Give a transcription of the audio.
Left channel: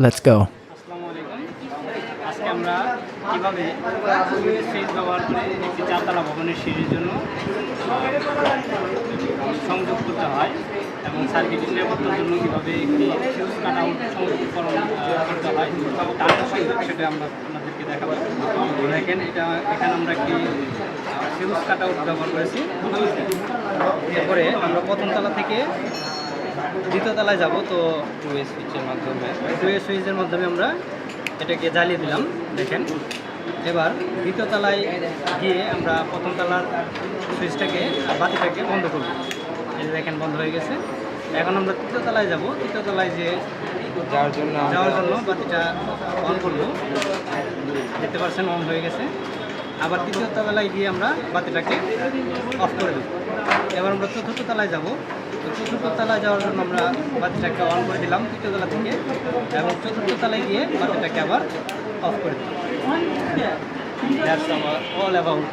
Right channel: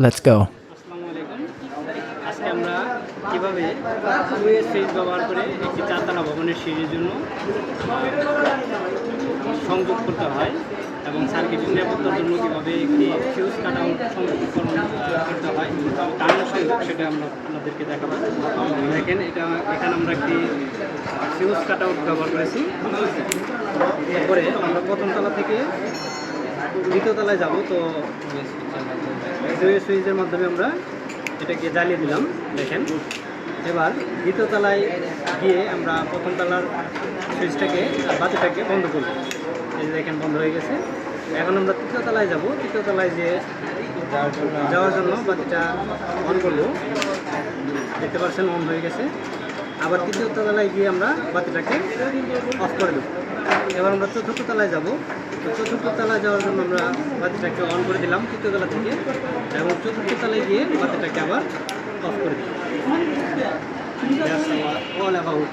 আলাইকুম আজকে আমরা কীভাবে সুইচ ব্যবহার করে একটি চারতলা ভবনের জন্য সংযোগ করতে হয় এবং নিরাপত্তার জন্য কীভাবে করতে হয় সংযোগ, সেটা আমরা আপনাদেরকে দেখাবো। দেখেন, এটা, এখানে আমরা একটি ফিউজ কাট আউট ব্যবহার করেছি। এরপরে আমরা প্রথম তলা থেকে দ্বিতীয় তলায় যাব, তো সুইচের মাধ্যমে। ওয়েস সুইচের মাধ্যমে আমরা এটাকে জ্বালিয়ে দিলাম, দেখেন। এবার দ্বিতীয় তলায় গিয়ে আমরা প্রথম তলার সুইচটাকে বাতিটাকে বন্ধ করব। দেখেন, বন্ধ হয়ে গেছে। এখন আমরা তৃতীয় তলায় যাব। তৃতীয় তলায় যে যাওয়ার জন্য যাওয়ার জন্য বাতিটা অন করব। দেখতে পাচ্ছেন, অন হয়ে গেছে। আবার তৃতীয় তলায় গিয়ে আমরা বাতিটাকে অফ করে দিই এবার আমরা চতুর্থ তলায় যাব। চতুর্থ তলায় যাওয়ার জন্য আমরা বাতিটাকে অন করে দিলাম তৃতীয় তলা থেকে এবং চতুর্থ তলায় গিয়ে বাতিটাকে আবার অফ করে দিলাম। All about